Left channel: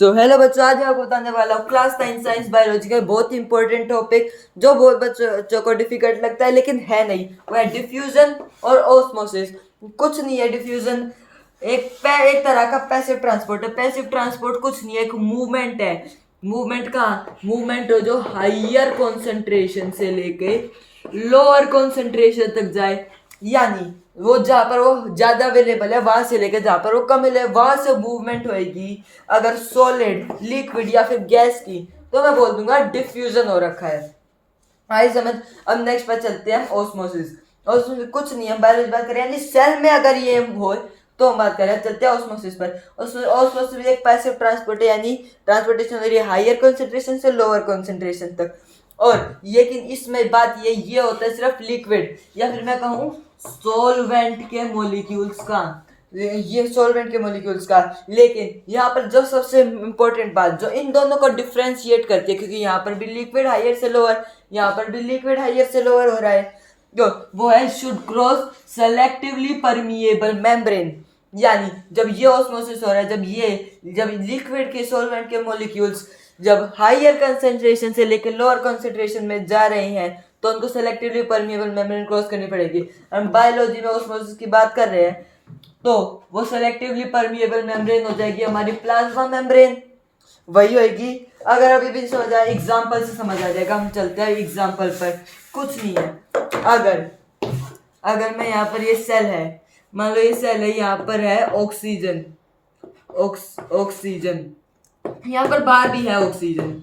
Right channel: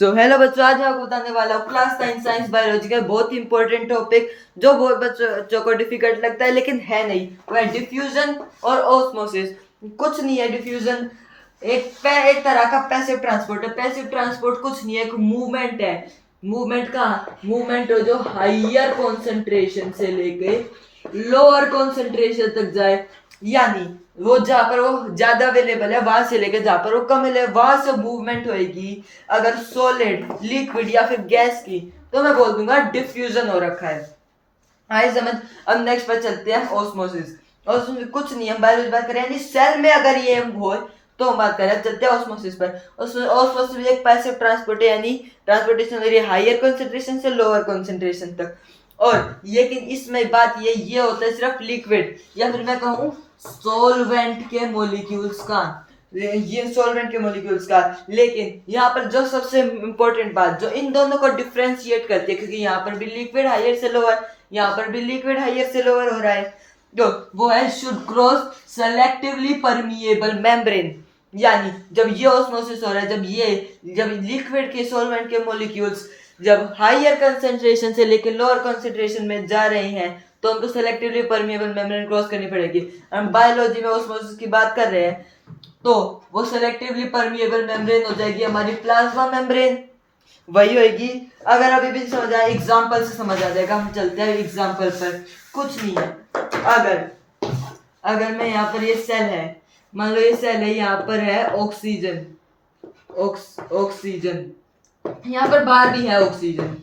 तो हेलो बच्चों, आज मैं आपको बताने वाला हूँ क्लास 9 साइंस बायोलॉजी का बहुत ही इंपॉर्टेंट टॉपिक जो बहुत बच्चों को डिफिकल्ट लगता है लेकिन है नहीं। वो है डिफ्यूजन और ऑस्मोसिस। कुछ नहीं है डिफ्यूजन, एक तरह का पैसिव ट्रांसपोर्ट है। पैसिव ट्रांसपोर्ट कुछ नहीं है, एक मूवमेंट है। मूवमेंट जो हाइयर कॉन्सेंट्रेशन से लेके लोअर कॉन्सेंट्रेशन तक जाए, यानी वो जहाँ पर वो ज्यादा अवेलेबल है वहां से लेकर जहाँ पर वो कम है वहां से मूवमेंट होएगी। अगर सॉलिड, लिक्विड या फिर गैस की, तो मैं बोल दूंगा डिफ्यूजन हो रखा है। आई समझ। अब नेक्स्ट पर चलते हैं ऑस्मोसिस। ऑस्मोसिस कुछ नहीं है, बायोलॉजी बात करें यानी सेल में अगर ये हो तो हम बात करें। चलते हैं ऑस्मोसिस पर। ऑस्मोसिस एक पैसिव ट्रांसपोर्ट है, यानी ट्रांसपोर्टेशन हो रही है हायर कॉन्सेंट्रेशन से लोअर कॉन्सेंट्रेशन तक। और लेकिन इसमें बात ये होता है सिर्फ लिक्विड या फिर मैं कहूँ सॉल्वेंट के मॉलिक्यूल्स का। ये सॉल्वेंट के मॉलिक्यूल्स का। लेकिन यहाँ पर जो सबसे इंपॉर्टेंट बात जो इन दोनों को डिफ्रेंशिएट करती है, क्योंकि यहाँ पर भी लिक्विड हायर से लोअर, यहाँ पर भी लिक्विड हायर से लोअर हो रहा है, जो वो है should cross selectively permeable membrane. यानी जब ये ऑस्मोसिस हो रहा है, जब लिक्विड के सॉल्वेंट के मॉलिक्यूल्स जब हायर कंसेंट्रेशन से लेकर लोअर कंसेंट्रेशन में जा रहे हैं तो उनको सेलेक्टिवली परमिएबल मेम्ब्रेन क्रॉस करनी पड़ेगी। हम बायोलॉजी में ऑस्मोसिस की बात कर रहे हैं तो वो सेलेक्टिवली परमिएबल मेम्ब्रेन हो जाएगी हमारी प्लाज्मा मेम्ब्रेन, वही होगी। अगर अभी भी समझ आए एग्जाम्पल से समझ आ जाएगा। हम चलते हैं एग्जाम्पल पर। कुछ नहीं है, अगर अगर मैं यहाँ पर ये सेल है, मान लो ये सेल है, यहाँ पर है ऑक्सीजन, ऑक्सीजन यहाँ पर बाहर भी है ऑक्सीजन।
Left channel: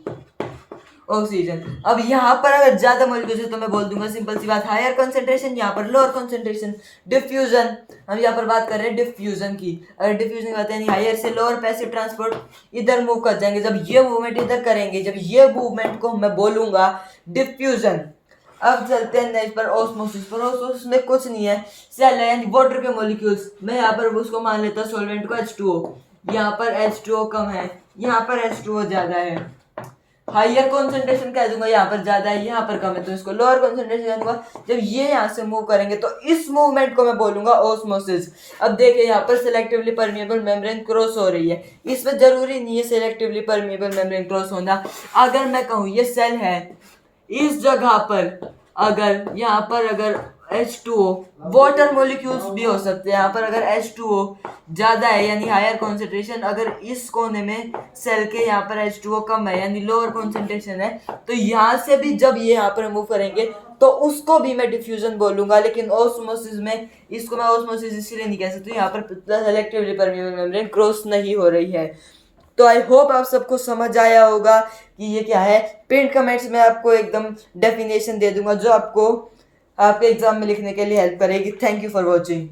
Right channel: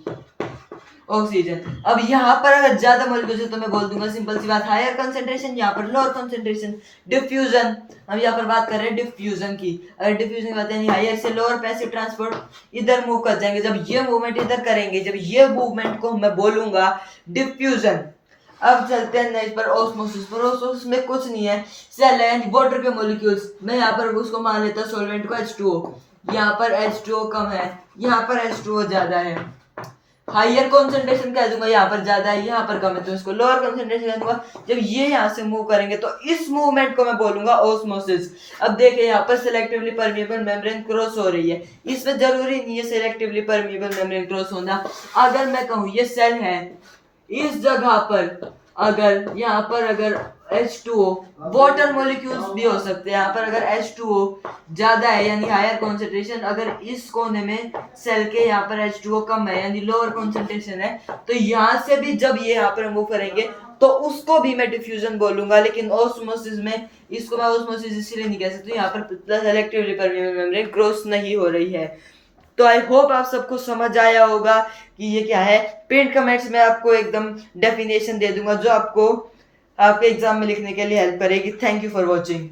अब यहाँ पर अगर ज्यादा मॉलिक्यूल्स है तो मैं बोल दूंगा सिंपल सी बात हायर कंसेंट्रेशन, यहाँ पर लोअर कंसेंट्रेशन, डिफ्यूजन। हम यहाँ पर बात कर रहे हैं डिफ्यूजन की। अगर डिफ्यूजन की बात है हायर से लोअर पैसिव ट्रांसपोर्ट इधर मूव कर जाएंगे, जब ये मूवमेंट इधर करेंगे, जब ये मूवमेंट को मैं बोलूंगा डिफ्यूजन। अब चलते हैं नेक्स्ट पर ऑस्मोसिस पर। ऑस्मोसिस में कुछ नहीं है, सेल है यानी वाटर के मॉलिक्यूल्स। मैं यहाँ पर उसको मान लेता हूँ सॉल्वेंट को H2O। यहाँ पर H2O कम है, यहाँ पर H2O ज्यादा है। हायर कॉन्सेंट्रेशन कह दूंगा, यहाँ पर ज्यादा है, यहाँ पर कम है तो इसको लोअर कॉन्सेंट्रेशन कह दूंगा। जब ये यहाँ से मूव करेंगे तो इस मूवमेंट को मैं बोलूंगा ऑस्मोसिस। अब देखिए यहाँ पर सिलेक्टिवली परमिएबल मेम्ब्रेन क्रॉस हो रही है, इसमें जरूरी नहीं है सिलेक्टिवली परमिएबल मेम्ब्रेन क्रॉस होना। अगर मैं कहूँ ये सेल है, इस जगह पर अगर यहाँ पर अगर H2O, वाटर मॉलिक्यूल्स भी हो सकते हैं। यहाँ पर अगर H2O ज्यादा है यानी हायर कॉन्सेंट्रेशन, अगर इस कोने में सेल के यहाँ पर H2O कम है यानी लोअर कॉन्सेंट्रेशन है, तो यहाँ से भी जब ये यहाँ पर मूव करेंगे तो उसको भी मैं डिफ्यूजन बोलूंगा। लेकिन ऑस्मोसिस में इसको मैं ऑस्मोसिस इसलिए नहीं कह सकती, यहाँ पर सेलेक्टिवली परमिएबल मेम्ब्रेन क्रॉस नहीं हो रही है। तो आई होप आप सबको समझ आया होगा कि ये क्या है। पिन कमेंट्स में आपको एकदम डेफिनेशन दे दूंगा जो आपको आपके एग्जाम में लिखने के लिए हेल्प करेगी। Thank you for watching.